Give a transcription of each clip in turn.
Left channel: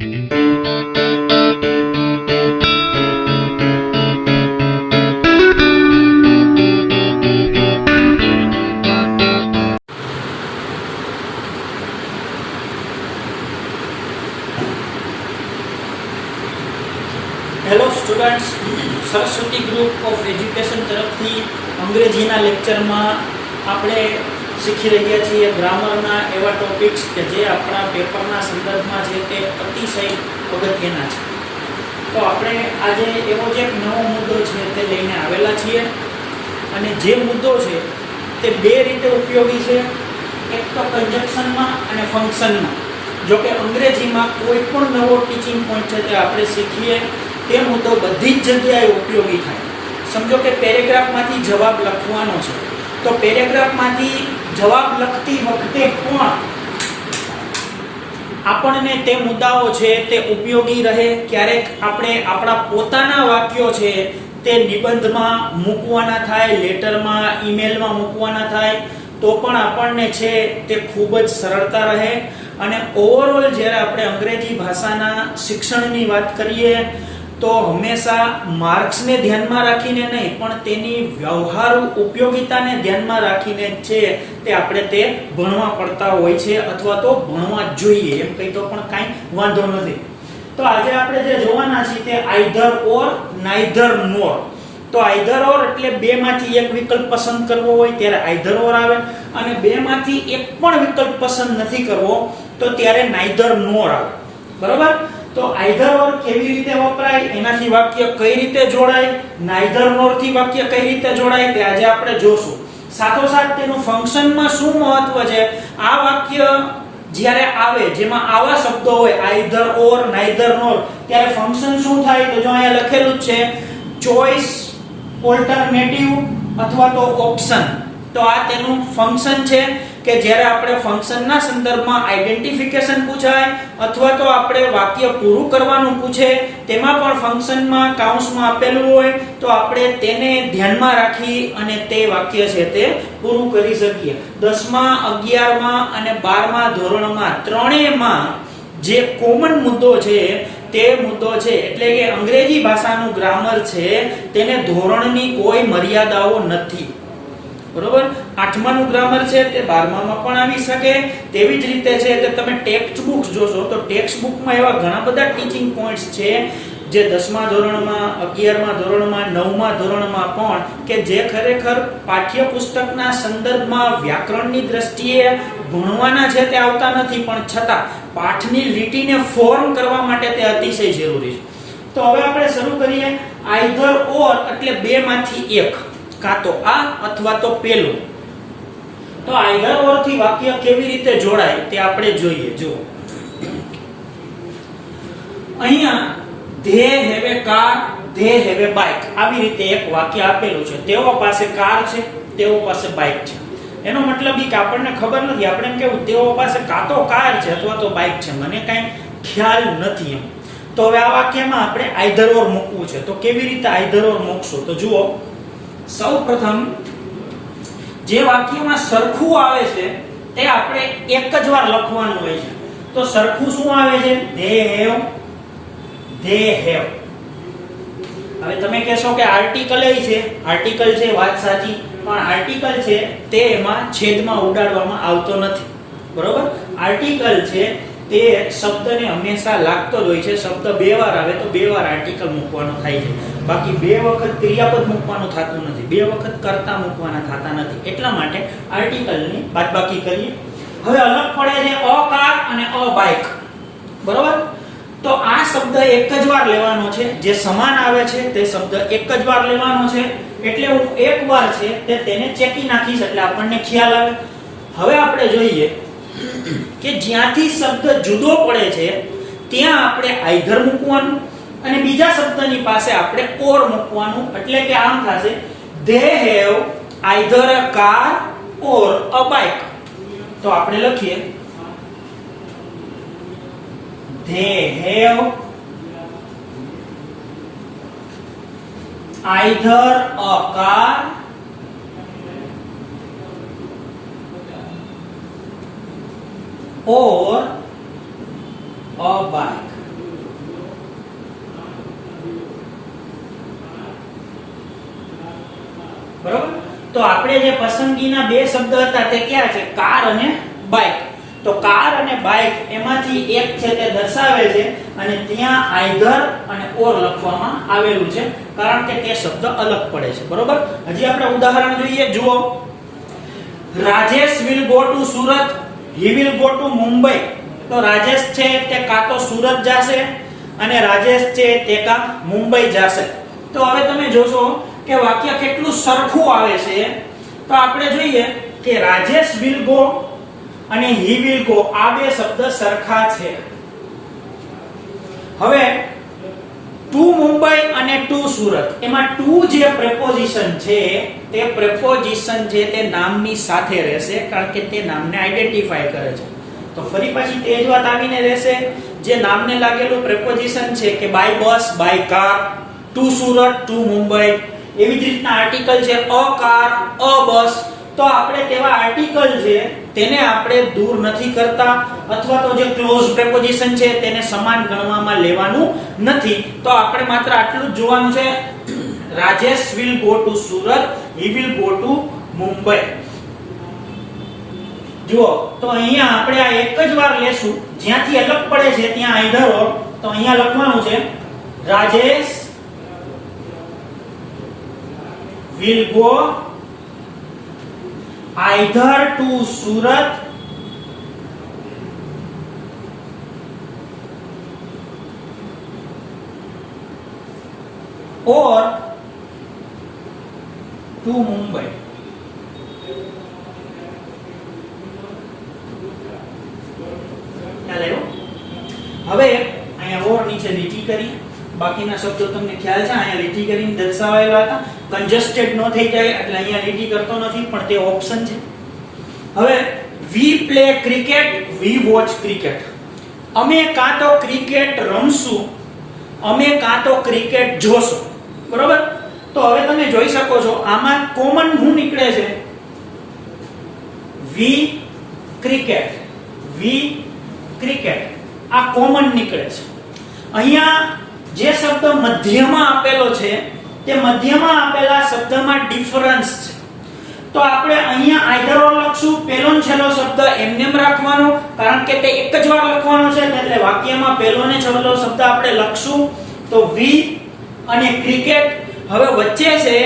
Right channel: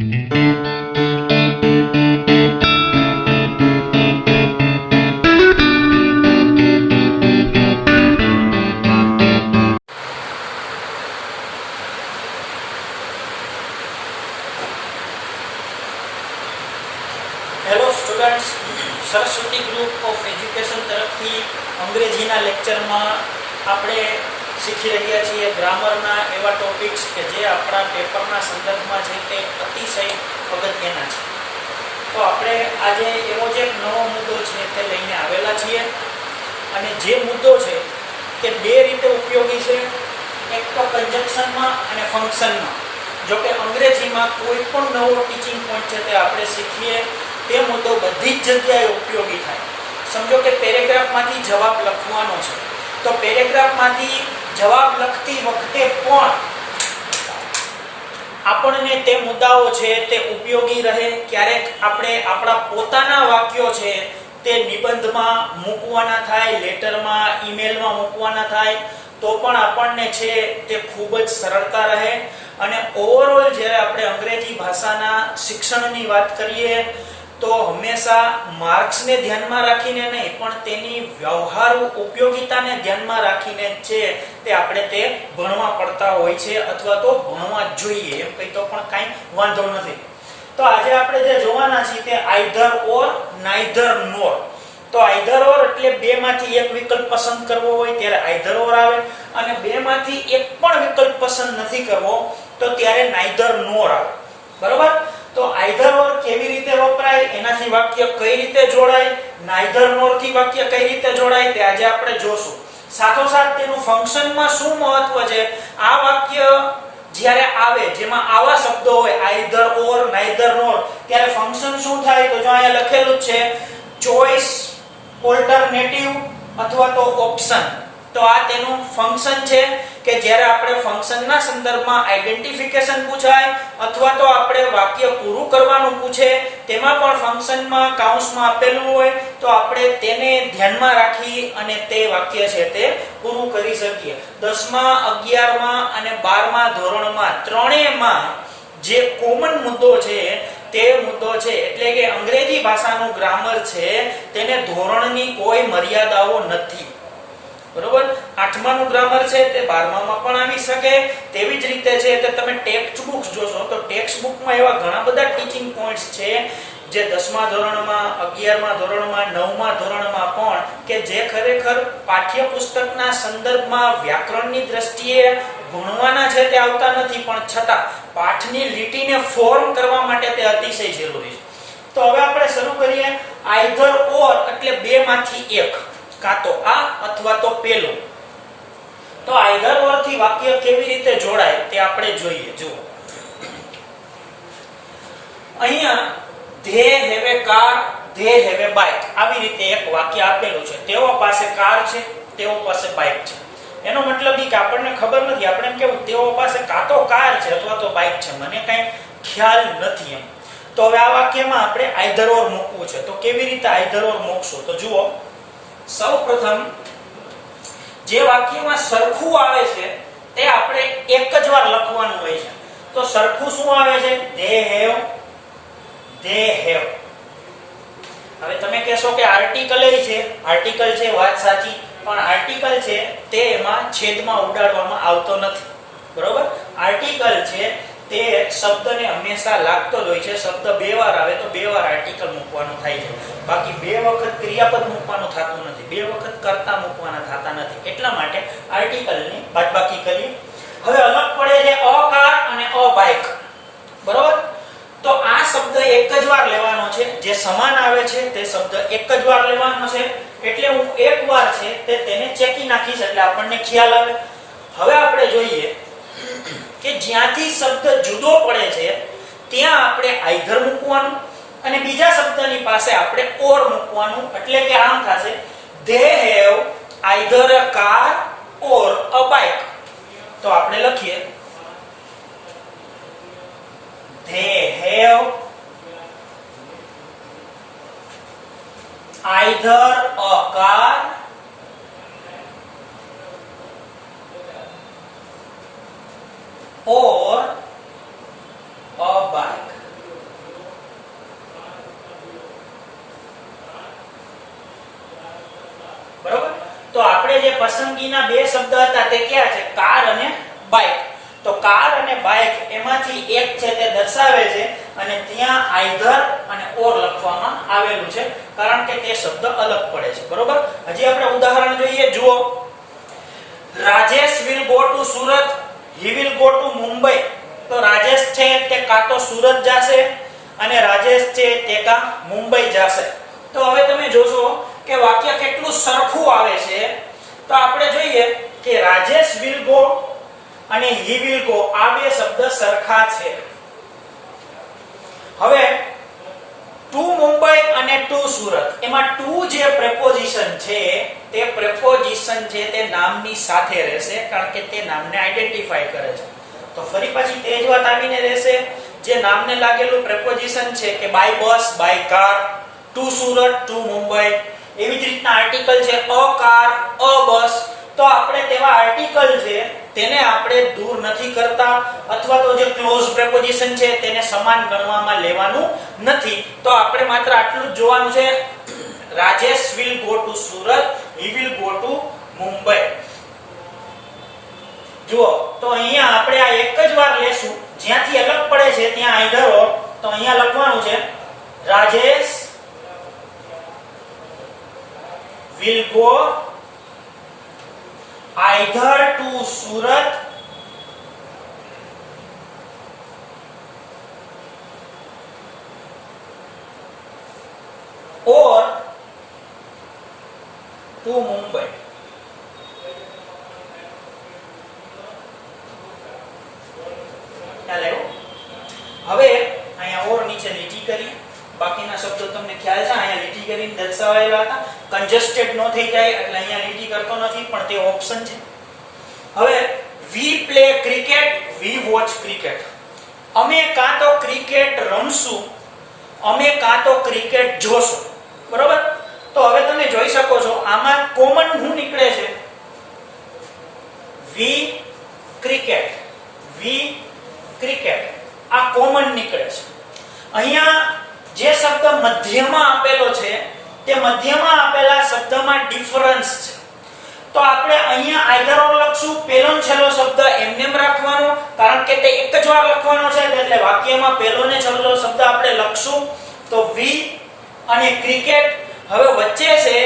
Hello students, Saraswati group of education તરફથી અંગ્રેજીના લેક્ચરમાં આપણે શીખી રહ્યા છીએ ગ્રામરના એવા ટોપિક્સ કે જે આપણા પેપરના સંદર્ભમાં છે તે અતિશય અગત્યના છે. તો આપણે આજે એવો જ એક નવો મુદ્દો છે તે લઈને આવેલા છીએ અને જે મુદ્દો છે તે બે રીતે ઉપયોગી છે. એક તો કન્જક્શનમાં અને ફંક્શનમાં. જો કે અંગ્રેજીમાં કોઈ પણ નવો ટીચિંગ પોઈન્ટ છે તે આપણે શીખીએ તે મુદ્દો બધી જ જગ્યાએ ઉપયોગી થાય. સમજો કે પેરેગ્રાફમાંથી જવાબ લખવાનો છે, તો પેરેગ્રાફમાંથી જવાબ લખતી વખતે પણ આપણને તે મુદ્દાઓ છે તે ઉપયોગી રહે. ક્યારેક આપણે આપણા પોતાના વાક્યો છે તે નિબંધમાં મૂકવાના થાય, લેટરમાં, ઈમેલમાં મૂકવાના થાય, તો પણ આપણને છે તે ખૂબ જ સરળતા રહે. અને ઓવરઓલ જ્યારે આપણે અંગ્રેજી ભાષાના શિક્ષણની વાત કરીએ તો હંમેશા માર્ક્સને ધ્યાનમાં રાખીને નહીં, પણ તેની વ્યવહારુ ઉપયોગિતાને ધ્યાનમાં રાખીને છે તે આપણે તે ભણવા પડતા હોય છે, અથવા તો ભણવા જ જોઈએ એમ કહી તો પણ કાંઈ વાંધો નથી. તો આજે આપણે જે જોવાના છીએ તે આઈધર ઓર, નાઈધર નોર. તો આઈધર ઓર એટલે બે માંથી એક વિકલ્પ પસંદ કરવો હોય ત્યારે આઈધર ઓર આવે, અને બે માંથી એક પણ વિકલ્પ પસંદ નથી કરવો તો ત્યારે નાઈધર નોર આવે. બરોબર? તો આઈધર ઓર કેવી રીતે વપરાય, એનાથી વાક્ય કઈ રીતે જોડાય, નાઈધર નોર થી વાક્ય કઈ રીતે જોડાય તે આજે આપણે જોશું. સાથોસાથ તેનું ફંક્શનમાં શું મહત્વ છે, આ વાક્ય જ્યારે આવે જેમાં આવા શબ્દો હોય આઈધર ઓર, નાઈધર નોર, ત્યારે ફંક્શન શું થાય તો જો અહીંયા લખેલું જ છે ચોઇસ, ઓલ્ટરનેટિવ અથવા તો ઓપ્શન. તો આ તેનું ફંક્શન છે કે જ્યારે આપણે ફંક્શનના સંદર્ભમાં આઈડેન્ટિફિકેશન પૂછાય અથવા તો આપણે વાક્ય પૂરું કરવાનું પૂછે, તેમાં પણ ફંક્શનમાં કૌંસમાં આપેલું હોય તો આપણે તેને ધ્યાનમાં રાખી અને તે વાક્ય છે તે પૂરું કરી શકીએ. 10મા, 11મા અને 12મા ધોરણમાં ત્રણેયમાં જે કોમન મુદ્દો છે તે મુદ્દો છે, એટલે કે અંગ્રેજી ભાષાનું ગ્રામર છે તેને ધોરણની કોઈ મર્યાદાઓ નથી. બરોબર? 8માનું ગ્રામર છે તે 12મામાં પણ આવી શકે. તેવી જ રીતે છે કે તમે ટેક્સ્ટ બુક્સ જોશો તો ટેક્સ્ટ બુકમાં એવા ઘણા બધા ટીચિંગ પોઈન્ટ્સ છે જે 10મા ધોરણમાં, 11મા ધોરણમાં, 9મા ધોરણમાં પણ કે જે ખરેખર પાઠ્યપુસ્તકના સંદર્ભમાં વ્યાકરણની દ્રષ્ટિએ ભણવાના છે તે આવતા નથી, પણ છતાં પાઠની લીટીને ફોર્મ કરવા માટે તે અતિશય જરૂરી છે. તો હવે આપણે શરૂ કરીએ. આઈધર ઓર એટલે બે માંથી એક, કાં તો આ અથવા તો પેલું. તો આઈધર ઓર થી વાક્ય કેવી રીતે જોડાય તે આપણે જોઈએ. જુઓ, અહીંયા they have a car, they have a bike, આવી રીતે એક વાક્ય આપેલું છે. તેઓ પાસે કાર છે, તેઓ પાસે બાઇક છે. એનો મતલબ એ કે આપણને ખબર નથી, આપણે એમ કેવું તેઓ પાસે કાં તો કાર છે અથવા તો બાઇક છે, મને કાંઈ ખ્યાલ નથી એમ. તો હવે આ વાક્યમાં આપણે આઈધર ઓર મૂકવું છે. તો કેવી રીતે આઈધર ઓર મૂકશું? તો જુઓ, સૌપ્રથમ જે વાક્યમાં સરખું આવે છે તે આપણે એક જ વાર લખવાનું હોય છે. તો સરખું શું આવે છે? They have, they have. હવે તમે કહેશો કે આર્ટિકલ છે, આર્ટિકલ છે, વાત સાચી, પણ આર્ટિકલ છે તે એમાં છેદમાં ઉડાડવામાં આવતો નથી. બરોબર? આર્ટિકલ છે તે શબ્દને હંમેશા લાગતો જ હોય છે. શબ્દ બે વાર આવે તો બે વાર આર્ટિકલ મૂકવાનો થાય છે, બાકી બે વખત ક્રિયાપદ મૂકવાનું થતું નથી, બે વખત કર્તા મૂકવાના થતા નથી. એટલા માટે આર્ટિકલની બાદબાકી કરીએ. હવે અલગ પડે છે અ કાર અને અ બાઇક. બરોબર? તો આ શબ્દ એક જ વાર લેવાનો છે, જે સમાન આવે છે તે શબ્દ એક જ વાર લેવાનો છે. એટલે હું એક વાર છે તે તેને ચેકી નાખીશ એટલે આપણને ખ્યાલ આવે. હવે આપણે જોઈએ કે જ્યાંથી શબ્દ જુદો પડે છે ત્યાં આપણે આઈધર મૂકવાનું અને બીજા શબ્દની પાસે આપણે ઓર મૂકવાનું. એટલે કે આમ થશે they have either a car or a bike. તો આપણે લખીએ they have either a car or a bike. તો આપણે જે પસંદગીના બે શબ્દ હતા તે કયા છે? કાર અને બાઇક. તો કાર અને બાઇક એમાંથી એક છે તે દર્શાવે છે અને ત્યાં આઈધર અને ઓર લખવામાં આવેલું છે કારણ કે તે શબ્દ અલગ પડે છે. બરોબર. હજી આપણે ઉદાહરણ જોઈએ. જુઓ, Rajesh will go to Surat, he will go to Mumbai. તો રાજેશ છે તે કાં તો સુરત જશે અને રાજેશ છે તે કાં મુંબઈ જશે. તો હવે તમે જોશો કે વાક્ય કેટલું સરખું આવે છે. તો આપણે જોઈએ કે રાજેશ will go અને he will go આ બે શબ્દ સરખા છે. હવે ટુ મુંબઈ અને ટુ સુરત એમાં ટુ જે પ્રેપોઝિશન છે તે પ્રેપોઝિશન છે તે નામની સાથે રહેશે કારણ કે તે નામને આઈડેન્ટિફાય કરે છે. તો ફરી પછી તે જ વાત આવીને રહેશે. જે નામને લાગેલું પ્રેપોઝિશન છે કે by bus, by car, to Surat, to Mumbai. એવી જ રીતના આર્ટિકલ છે અ કાર, અ બસ. તો આપણે તેવા આર્ટિકલ છે તેને આપણે દૂર નથી કરતા અથવા તો જે ક્લોઝ પ્રેપોઝિશન છે તેને સમાન ગણવામાં લેવાનું નથી. તો આપણે માત્ર આટલું જ જોવાનું છે. Rajesh will go to Surat, he will go to Mumbai. જુઓ, તો અહીંયા આપણે આ એક જ વાર લેશું. જ્યાંથી અલગ પડે છે ત્યાં આઈધર ઓર. તો અહીંયા લખવાનું છે Rajesh will go either to Surat or to Mumbai. ખ્યાલ આવ્યો? હવે અહીંયા ઓર નીચે લીટી કરી. બાકીના શબ્દો તમને ખ્યાલ છે અહીંયા લીટી કરીને દર્શાવેલા હતા. કન્જસ્ટેડ ન થઈ જાય એટલે અહીંયા લીટી કરતો નથી પણ તે ઓપ્શન છે. હવે we play cricket, we watch cricket. અમે કાં તો ક્રિકેટ રમશું, અમે કાં તો ક્રિકેટ જોશું. બરોબર. તો હવે તમે જોઈ શકો છો આમાં કોમન શું નીકળે છે? વી ક્રિકેટ, વી ક્રિકેટ આ કોમન નીકળે છે. અહીંયા જે શબ્દ મધ્યમાં આપેલો છે તે મધ્યમાં આપેલા શબ્દમાં ડિફરન્સ છે. તો આપણે અહીંયા આઈધર ઓર લખશું. પહેલો ને છેલ્લો શબ્દ એમનેમ રાખવાનો કારણ કે તે એક જ વાર લખવાનો છે એટલે વાક્યમાં પહેલો ને છેલ્લો શબ્દ આપણે લખશું. તો વી અને ક્રિકેટ. હવે વચ્ચે છે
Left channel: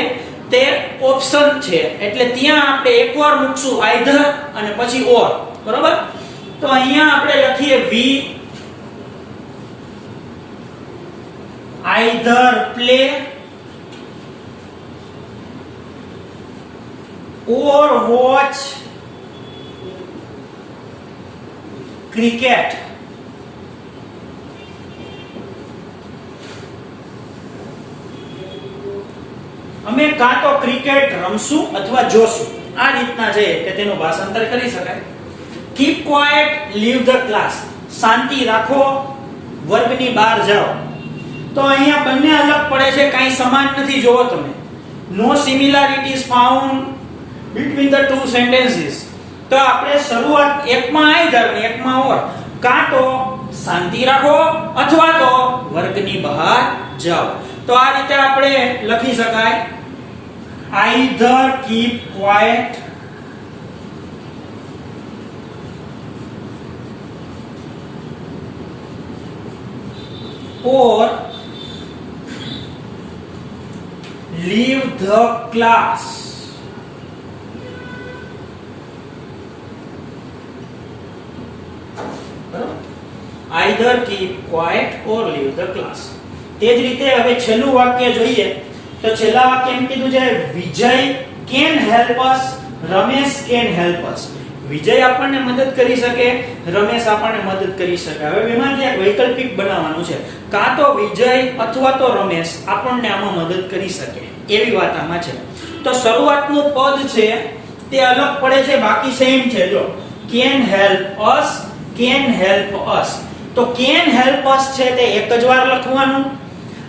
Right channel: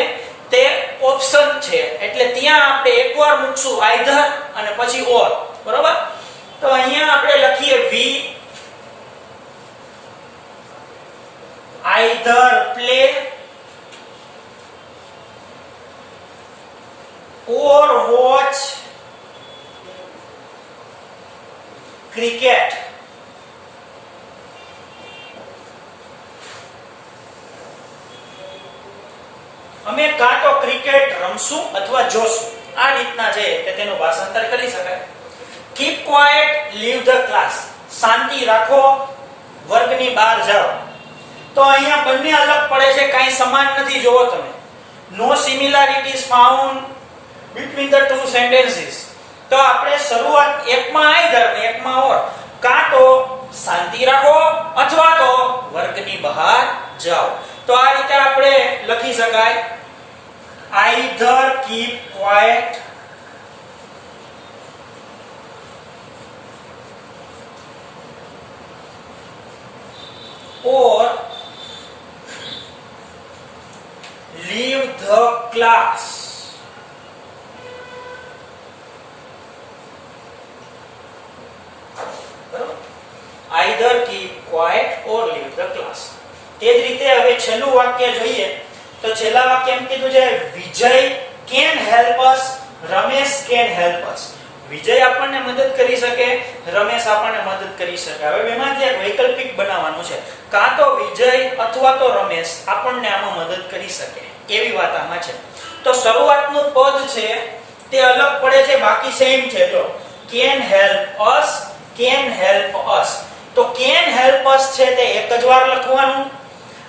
તે ઓપ્શન છે એટલે ત્યાં આપણે એકવાર મૂકશું આઈધર અને પછી ઓર. બરોબર. તો અહીંયા આપણે લખીએ વી either play or watch cricket. અમે કાં તો ક્રિકેટ રમશું અથવા જોશું. આ રીતના છે કે તેનું ભાષાંતર કરી શકાય. keep quiet, leave the class. શાંતિ રાખો, વર્ગની બહાર જાઓ. તો અહીંયા બંને અલગ પડે છે, કાંઈ સમાન નથી. જોવો તમે, નો સિમિલારિટીઝ found between the two sentences. તો આપણે શરૂઆત એકમાં આઈધર ને એકમાં ઓર. કાં તો શાંતિ રાખો અથવા તો વર્ગની બહાર જાઓ. તો આ રીતે આપણે લખી શકાય either keep quiet or leave the class. Either keep quiet or leave the class. તે જ રીતે હવે છેલ્લું વાક્ય જોઈએ તો છેલ્લા વાક્ય એમ કીધું છે વિજય can help us, Ramesh can help us. વિજય આપણને મદદ કરી શકે, રમેશ આપણને મદદ કરી શકે. હવે બેમાંથી એક વૈકલ્પિક બનાવવાનું છે. કાં તો વિજય અથવા તો રમેશ આપણને આમાં મદદ કરી શકે એવી વાત આમાં છે. તો શરૂઆતનું પદ છે તે અલગ પડે છે, બાકી સેમ છે. જો can help us, can help us. તો can help us છે તે એક જ વાર લખવાનું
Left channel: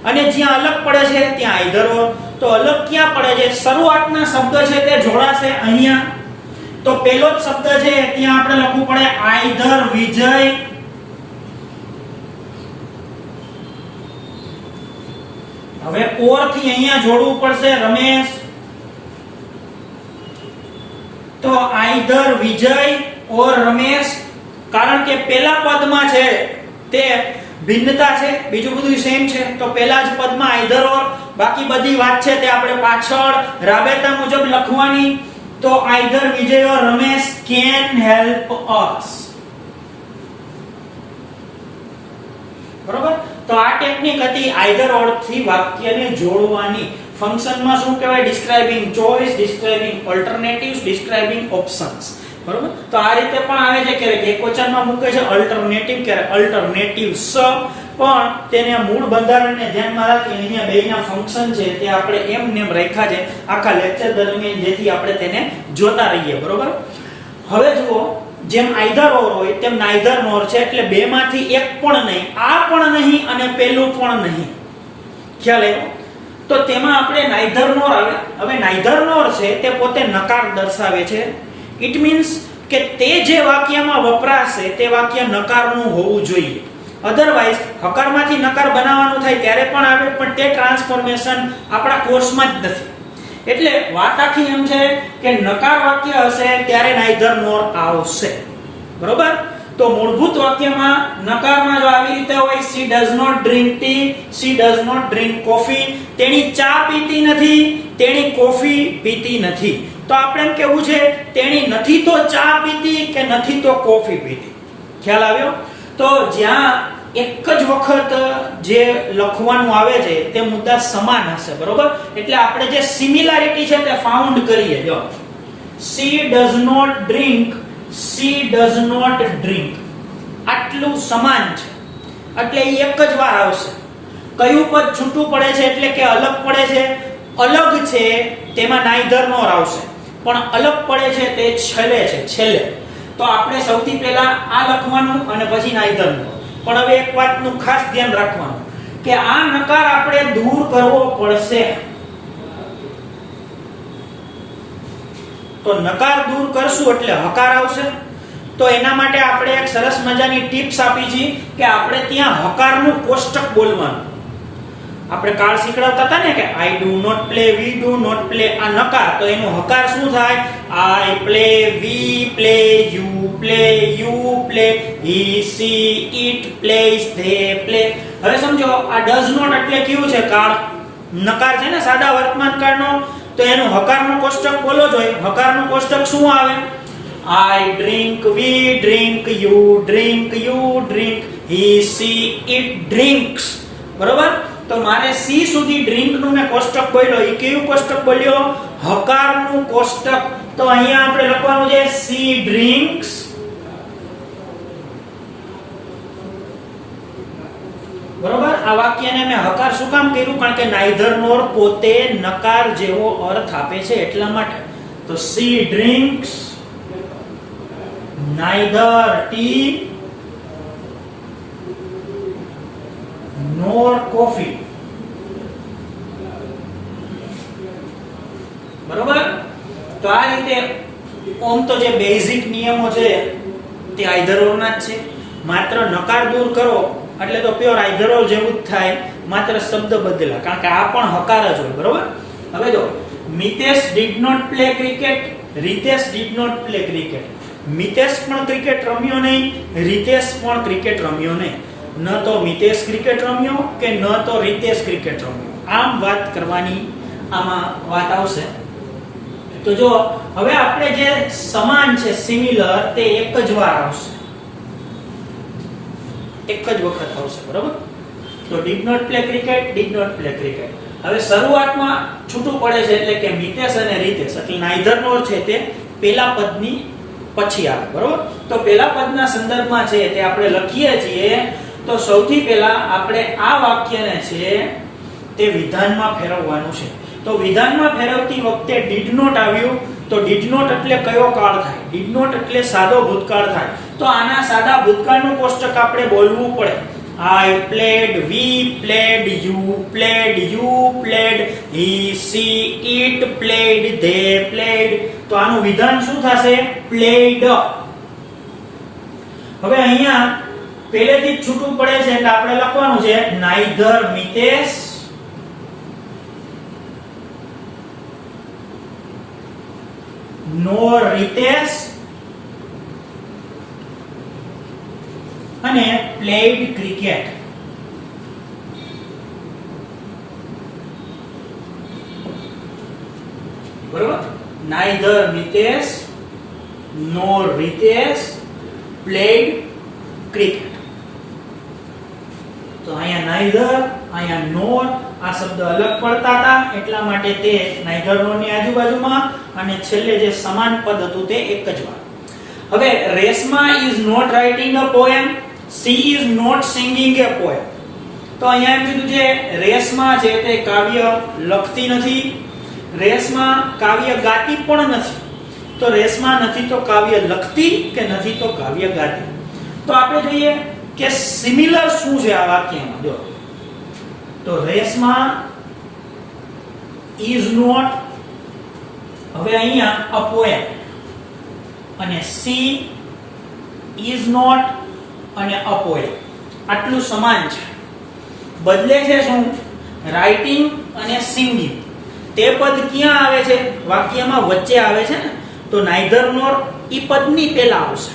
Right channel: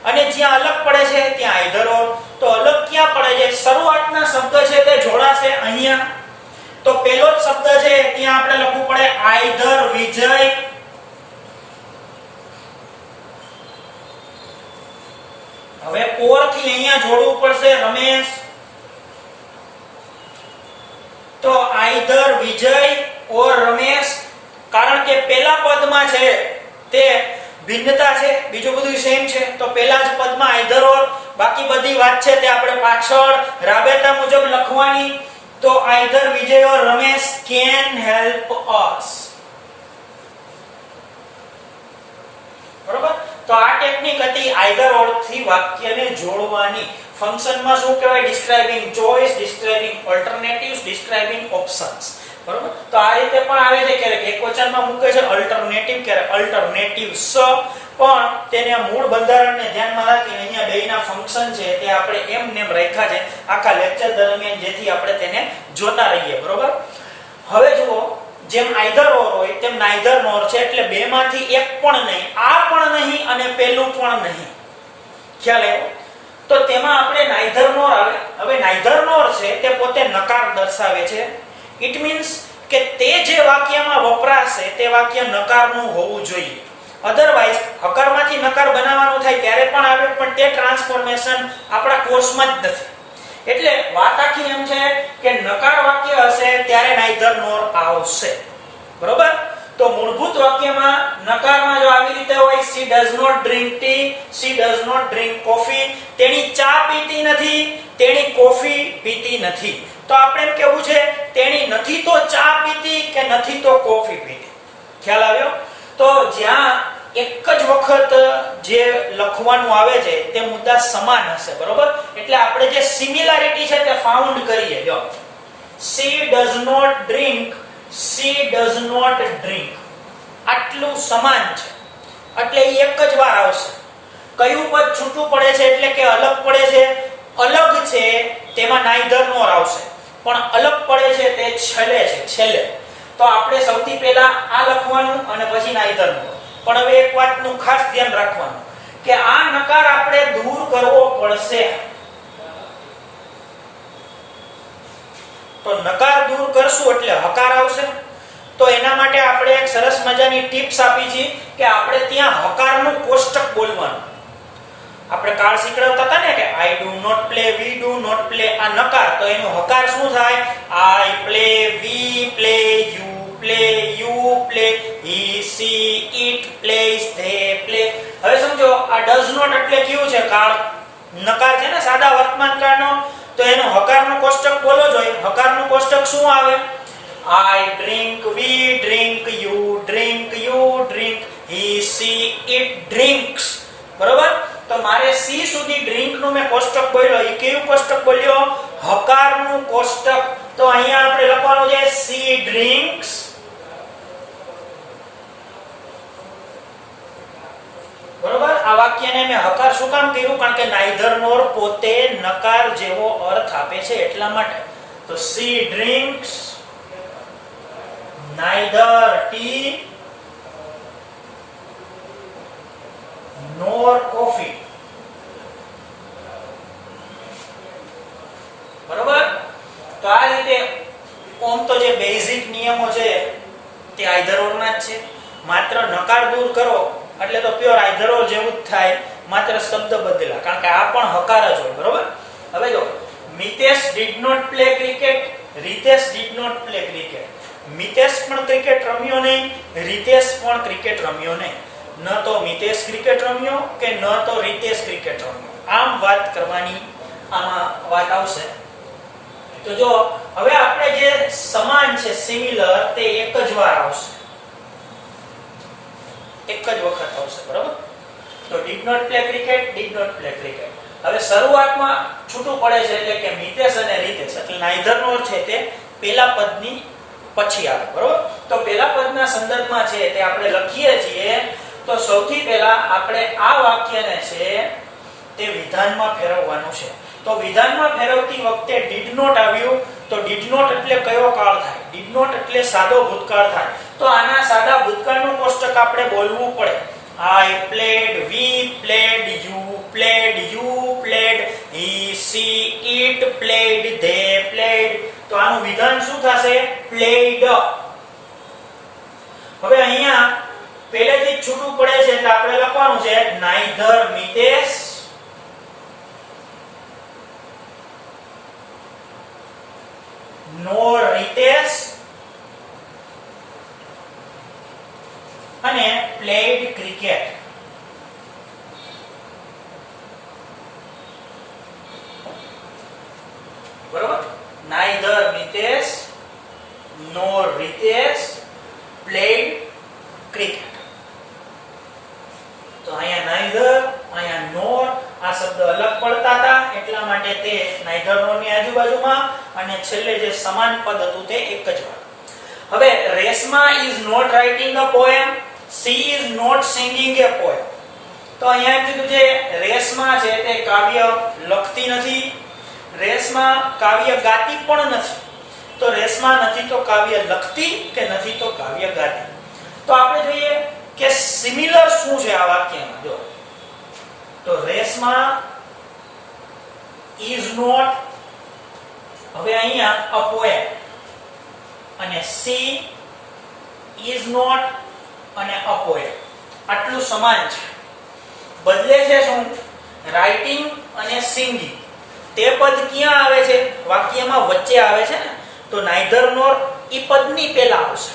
અને જ્યાં અલગ પડે છે ત્યાં આઈધર ઓર. તો અલગ ક્યાં પડે છે? શરૂઆતના શબ્દ છે તે જોડાશે અહીંયા. તો પહેલો જ શબ્દ છે ત્યાં આપણે લખવું પડે આઈધર વિજય હવે ઓર થી અહીંયા જોડવું પડશે રમેશ. તો આઈધર વિજય ઓર રમેશ, કારણ કે પહેલા પદમાં છે તે ભિન્નતા છે, બીજું બધું સેમ છે, તો પહેલા જ પદમાં આઈધર ઓર, બાકી બધી વાત છે તે આપણે પાછળ રાબેતા મુજબ લખવાની. તો either Vijay or Ramesh can help us. બરોબર. તો આ ટેકનિક હતી આઈધર ઓર થી વાક્યને જોડવાની. ફંક્શનમાં શું કહેવાય? Describing choice, describing alternatives, describing options. બરોબર. તો આ રીતે પણ આવે છે, ક્યારેક એકવચનમાં મૂકે છે અલ્ટરનેટિવ, ક્યારેક અલ્ટરનેટિવ્સ, પણ તેને મૂળ બંધારણને ધ્યાનમાં રાખી અહીંયા બેયના ફંક્શન છે તે આપણે એમ નેમ રાખ્યા છે આખા લેક્ચર દરમિયાન, જેથી આપણે તેને જોતા રહીએ. બરોબર. હવે જુઓ, જેમ આઈધર ઓર હોય તેમ નાઈધર નોર છે, એટલે બે માંથી એક પણ નહીં, આ પણ નહીં અને પેલું પણ નહીં. ખ્યાલ આવ્યો? તો તેમાં આપણે નાઈધર નોર આવે. હવે નાઈધર નોર છે તે પોતે નકાર દર્શાવે છે. ઇટ મીન્સ કે તે જે વાક્યમાં વપરાશે તે વાક્ય નકારનું હોવું જોઈએ. અધરવાઇઝ હકારમાંથી નકાર બનાવવાનું થાય ત્યારે પણ આવે, પણ તે ટ્રાન્સફોર્મેશન આપણા કોર્સમાં જ નથી. એટલે વાત આખી એમ છે કે નકાર વાક્ય હશે ત્યારે નાઈધર નોર આવશે. બરોબર. તો મૂળભૂત વાક્યમાં નકારમાં જો આવી રીતે હોય, she does not drink tea, she does not drink coffee, તેણી ચા પીતી નથી, તેણી કોફી પીતી નથી. તો આપણે એમ કેવું છે તેણી નથી તો ચા પીતી કે નથી તો કોફી પીતી. ખ્યાલ આવ્યો? તો જ્યાં એક જ વખત જે લખવાનું આવે છે તે મુદ્દા સમાન હશે. બરોબર. એટલે આપણે જે સિમિલારિટી છે તે ફાઉન્ડ કરીએ. જો she does not drink, she does not drink, આટલું સમાન છે એટલે એ એક જ વાર આવશે. કયું પદ છૂટું પડે છે એટલે કે અલગ પડે છે, અલગ છે તેમાં નાઈધર નોર આવશે, પણ અલગ પડે છે તે છેલ્લે છે, છેલ્લે. તો આપણે સૌથી પહેલા આ લખવાનું અને પછી નાઈધર નોર. પણ હવે એક વાતનું ખાસ ધ્યાન રાખવાનું કે આ નકાર આપણે દૂર કરવો પડશે. તો નકાર દૂર કરશું એટલે હકાર આવશે. તો એના માટે આપણે એક સરસ મજાની ટિપ્સ આપી છે કે આપણે ત્યાં હકારનું કોષ્ટક બોલવાનું. આપણે કાળ શીખડાવતા હતા ને કે I do not play, we do not play, આ નકાર. તો એનો હકાર શું થાય? I play, we play, you play, you play, he she it plays, they play. હવે સમજો આ ડઝ નોટ એટલે કેવું છે? કાળ નકાર છે ને, સાદા વર્તમાન કાળનો. તો એનો હકારનો કોષ્ટક બોલો જોઈએ. હકારનો કોષ્ટક શું આવે? I drink, we drink, you drink, he, she, it drinks. બરોબર. તો મારે સી સુધી ડ્રિંક નું મેં કોષ્ટક બોલ્યો. એ કેવું કોષ્ટક બોલ્યો? હકારનું કોષ્ટક. તો અહીંયા આપણે લખવાનું છે she drinks. બરોબર. આ વાક્યને મેં હકાર શું કામ કર્યું? કારણ કે નાઈધર નોર પોતે નકાર જેવો અર્થ આપે છે એટલા માટે. તો she drinks neither tea nor coffee. બરોબર. તો આ રીતે ઓમ તો જે બેઝિક નિયમો છે તે આઈધર ઓર ના જ છે. માત્ર નકાર દૂર કરો એટલે તો પ્યોર આઈધર ઓર જેવું જ થાય, માત્ર શબ્દ બદલા, કારણ કે આ પણ હકાર જ હોય. બરોબર. હવે જો Mitesh did not play cricket, Ritesh did not play cricket. Mitesh પણ ક્રિકેટ રમ્યો નહીં, રીતેશ પણ ક્રિકેટ રમ્યો નહીં. ન તો મિતેશ ક્રિકેટ રમ્યો કે ન તો રીતેશ ક્રિકેટ રમ્યો. આમ વાત કરવાની આમાં વાત આવશે. તો જો હવે આપણે જે સમાન છે, સિમિલર, તે એક જ વાર આવશે, એક જ વખત આવશે. બરોબર. તો did not play cricket, did not play cricket. હવે શરૂઆતમાં છૂટું પડે છે એટલે કે મિતેશ અને રીતેશ, એટલે નાઈધર નોર છે તે પેલા પદની પછી આવે. બરોબર. તો પેલા પદના સંદર્ભમાં છે તે આપણે લખીએ છીએ. તો સૌથી પહેલા આપણે આ વાક્યને છે તે વિધાનમાં ફેરવવાનું છે. તો વિધાનમાં ફેરવતી વખતે ડીડ નોટ આવ્યું. તો ડીડ નોટ એટલે કયો કાળ થાય? ડીડ નોટ એટલે સાદો ભૂતકાળ થાય. તો આના સાદા ભૂતકાળનું કોષ્ટક આપણે બોલવું પડે. I played, we played, you played, he, she, it played, they played. તો આનું વિધાન શું થશે? Played. હવે અહીંયા પહેલેથી જ છૂટું પડે છે એટલે આપણે લખવાનું છે neither મિતેશ nor Ritesh અને played cricket. બરોબર, neither Nitesh nor Ritesh played cricket. તો અહીંયા neither, અહીંયા nor, આ શબ્દ અલગ પડતા હતા એટલા માટે તે neither nor ની આજુબાજુમાં, અને છેલ્લે જે સમાન પદ હતું તે એક જ વાર. હવે Reshma is not writing a poem, she is not singing a poem. તો અહીંયા એમ કીધું છે રેશમા છે તે કાવ્ય લખતી નથી, રેશમા કાવ્ય ગાતી પણ નથી. તો રેશમા નથી તો કાવ્ય લખતી કે નથી તો કાવ્ય ગાતી. તો આપણે જોઈએ કે સિમિલર શું છે આ વાક્યમાં. જો તો રેશમા is not, હવે અહીંયા a poem, અને she is not અને a poem આટલું સમાન છે. બદલે છે શું? રાઇટિંગ અને સિંગિંગ. તે પદ ક્યાં આવે છે? વાક્યમાં વચ્ચે આવે છે ને. તો neither nor ઈ પદની પહેલા આવશે.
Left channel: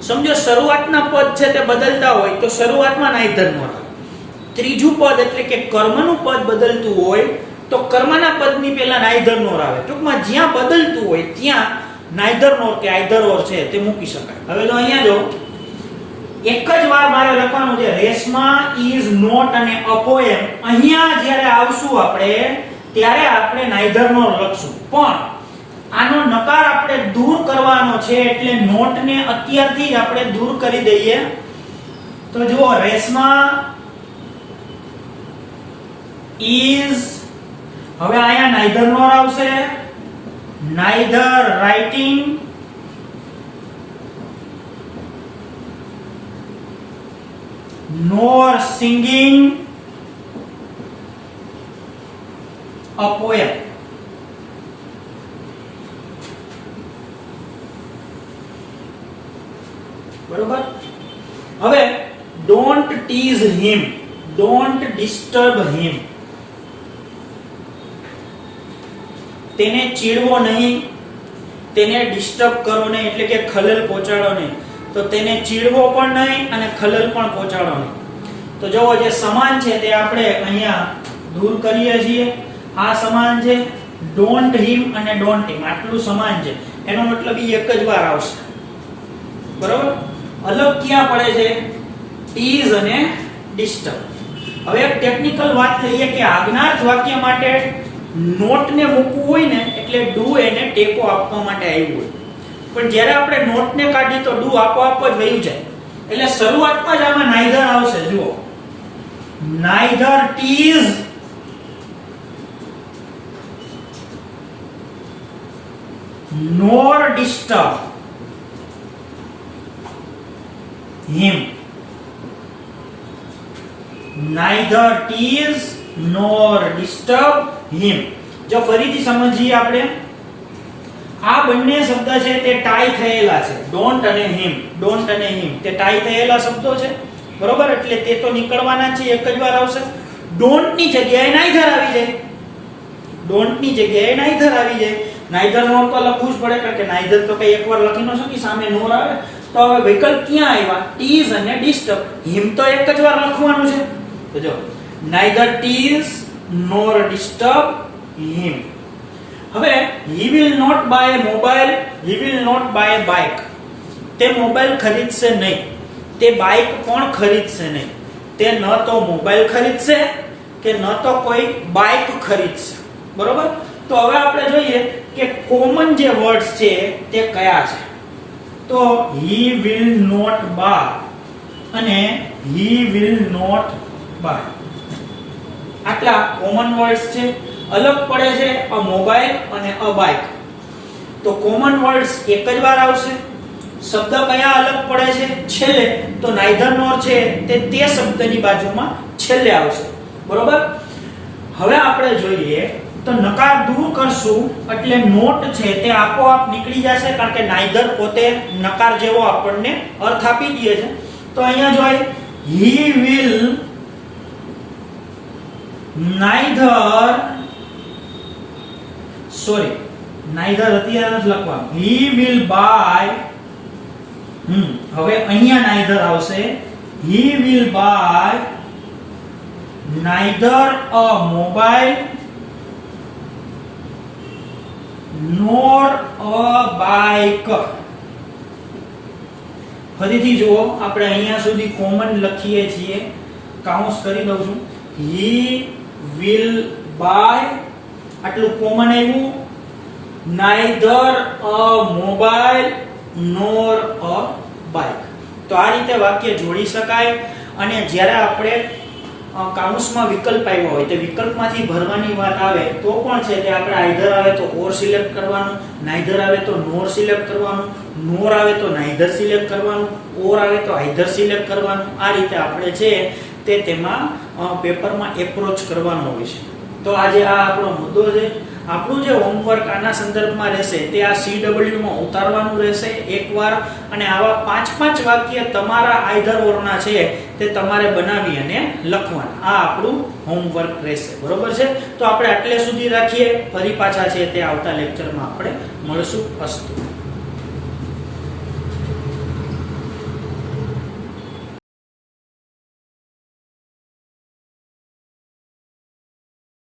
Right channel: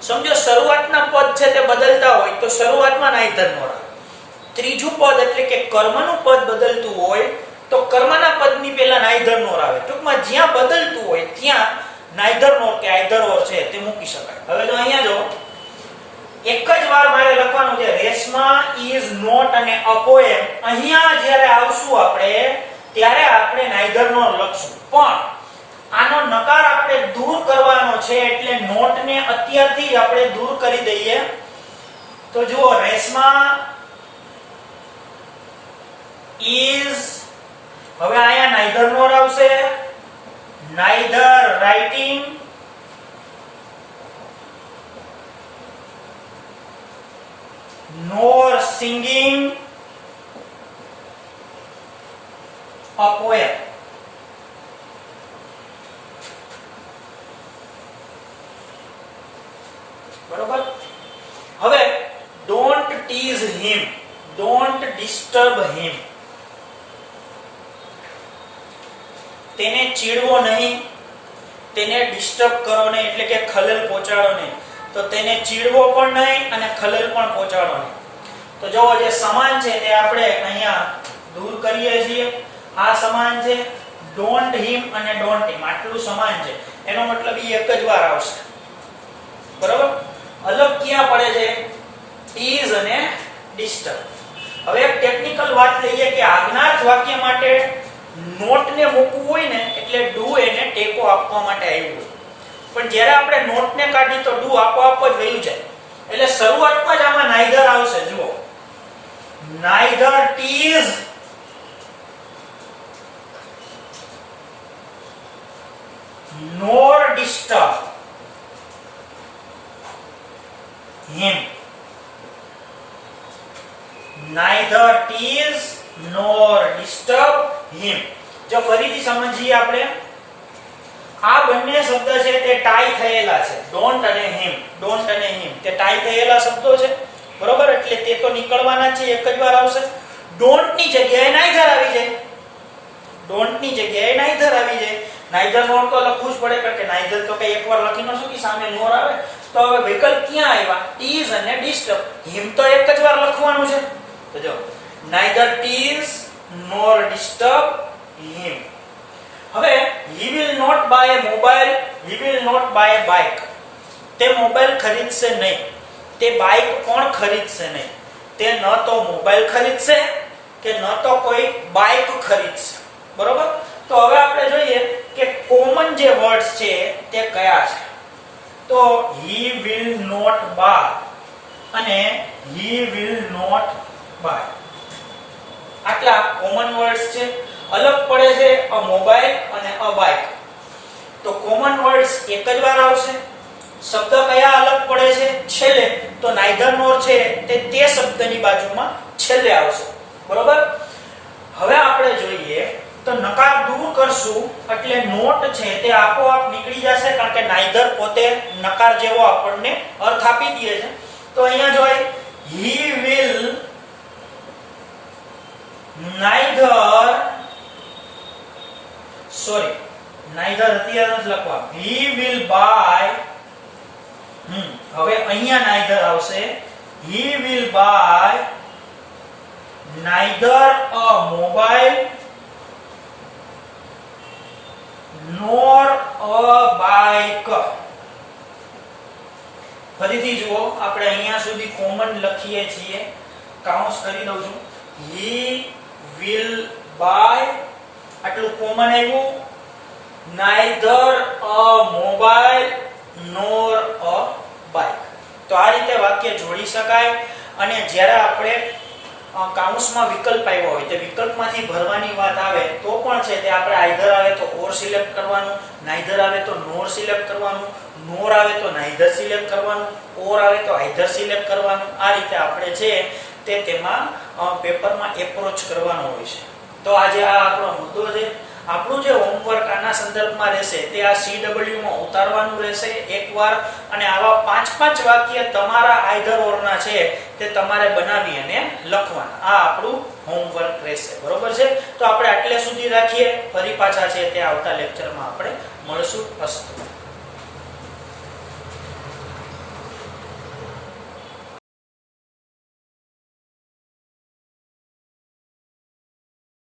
સમજો શરૂઆતના પદ છે તે બદલતા હોય તો શરૂઆતમાં neither nor આવે. ત્રીજું પદ એટલે કે કર્મનું પદ બદલતું હોય તો કર્મના પદની પહેલા neither nor આવે. ટૂંકમાં જ્યાં બદલતું હોય ત્યાં neither nor કે either or છે તે મૂકી શકાય. હવે જો અહીંયા જો એક જ વાર મારે લખવાનું છે રેશમા is not અને a poem. અહીંયા જ્યારે આવશું આપણે ત્યારે આપણે neither nor લખશું, પણ આનો નકાર આપણે દૂર કરવાનો છે એટલે નોટ ને અત્યારથી જ આપણે દૂર કરી દઈએ. તો જુઓ રેશમા is, હવે અહીંયા neither nor આવશે, neither writing nor singing a poem. બરોબર. હવે don't tease him, don't disturb him. તેને ચીડવો નહીં, તેને ડિસ્ટર્બ કરો નહીં, એટલે કે ખલેલ પહોંચાડો નહીં. તો તેને ચીડવો પણ નહીં અને ખલેલ પણ પહોંચાડો નહીં. તો જો જે સમાન છે તે આપણે અહીંયા દૂર કરીએ છીએ. આ સમાન છે, don't him અને don't him આટલું સમાન છે. એનો મતલબ ઈ એક જ વાર આવશે. બરોબર. અલગ ક્યાં પડે છે? tease અને disturb. હવે એક ટેકનિકલ વાત લઈએ કે આજ્ઞાર્થ વાક્ય માટે નોટ ને મૂકવું હોય ને એટલે ડુ એને ટેકો આપવા માટે આવ્યું હોય, પણ જ્યારે આપણે નોટ ને કાઢી તો ડુ આપોઆપ જ વયું જાય. એટલે શરૂઆતમાં જ આમાં neither આવશે. જુઓ neither tease nor disturb him. neither tease nor disturb him. જો ફરીથી સમજીએ આપણે, આ બંને શબ્દ છે તે ટાઈ થયેલા છે. ડોન્ટ અને હિમ, ડોન્ટ અને હિમ તે ટાઈ થયેલા શબ્દો છે. બરોબર. એટલે તે તો નીકળવાના છે, એક જ વાર આવશે. ડોન્ટ ની જગ્યાએ neither આવી જાય, ડોન્ટ ની જગ્યાએ neither આવી જાય. neither nor તો લખવું જ પડે કારણ કે neither તો કઈ એકવાર લખી ન શકી, સામે nor આવે. તો હવે વિકલ્પ ક્યાં આવ્યા? tease અને disturb. him તો એક જ વાર લખવાનું છે. તો જો neither tease nor disturb him. હવે he will not buy a mobile, he will not buy a bike. તે મોબાઈલ ખરીદશે નહીં, તે બાઇક પણ ખરીદશે નહીં. તે ન તો મોબાઈલ ખરીદશે કે ન તો કોઈ બાઇક ખરીદશે. બરોબર. તો હવે આપણે જોઈએ કે કોમન જે વર્ડ્સ છે તે કયા છે. તો he will not buy અને he will not buy આટલા કોમન વર્ડ્સ છે. અલગ પડે છે અ મોબાઈલ અને અ બાઇક. તો કોમન વર્ડ્સ એક જ વાર આવશે. શબ્દ કયા અલગ પડે છે? છેલ્લે. તો neither nor છે તે શબ્દની બાજુમાં છેલ્લે આવશે. બરોબર. હવે આપણે જોઈએ તો નકાર દૂર કરશું એટલે નોટ છે તે આપોઆપ નીકળી જશે કારણ કે neither પોતે નકાર જેવો આપણને અર્થ આપી દે છે. તો અહીંયા જોઈએ he will neither નાઈધર અત્યારે નથી લખવાનું. He will buy. હવે અહીંયા નાઈધર આવશે. He will buy neither a mobile nor a bike. ફરીથી જુઓ, આપણે અહીંયા સુધી કોમન લખીએ છીએ, કાઉન્સ કરી દઉં છું. He will buy, આટલું કોમન આવ્યું. neither a mobile nor a bike. તો આ રીતે વાક્ય જોડી શકાય. અને જ્યારે આપણે કાઉન્સમાં વિકલ્પ આવ્યો હોય તે વિકલ્પમાંથી ભરવાની વાત આવે તો પણ છે તે આપણે આઈધર આવે તો ઓર સિલેક્ટ કરવાનું, નાઈધર આવે તો નોર સિલેક્ટ કરવાનું, નોર આવે તો નાઈધર સિલેક્ટ કરવાનું, ઓર આવે તો આઈધર સિલેક્ટ કરવાનું. આ રીતે આપણે છે તે તેમાં પેપરમાં એપ્રોચ કરવાનો હોય છે. તો આજે આ આપણો મુદ્દો છે. આપણું જે હોમવર્ક આના સંદર્ભમાં રહેશે તે આ CW માં ઉતારવાનું રહેશે એકવાર, અને આવા 5-5 વાક્ય તમારા આઈધર ઓરના છે તે તમારે બનાવી અને લખવાના. આ આપણું હોમવર્ક રહેશે. બરોબર છે? તો આપણે આટલે સુધી રાખીએ. ફરી પાછા છે તે આવતા લેક્ચરમાં આપણે મળશું. અસ્તુ.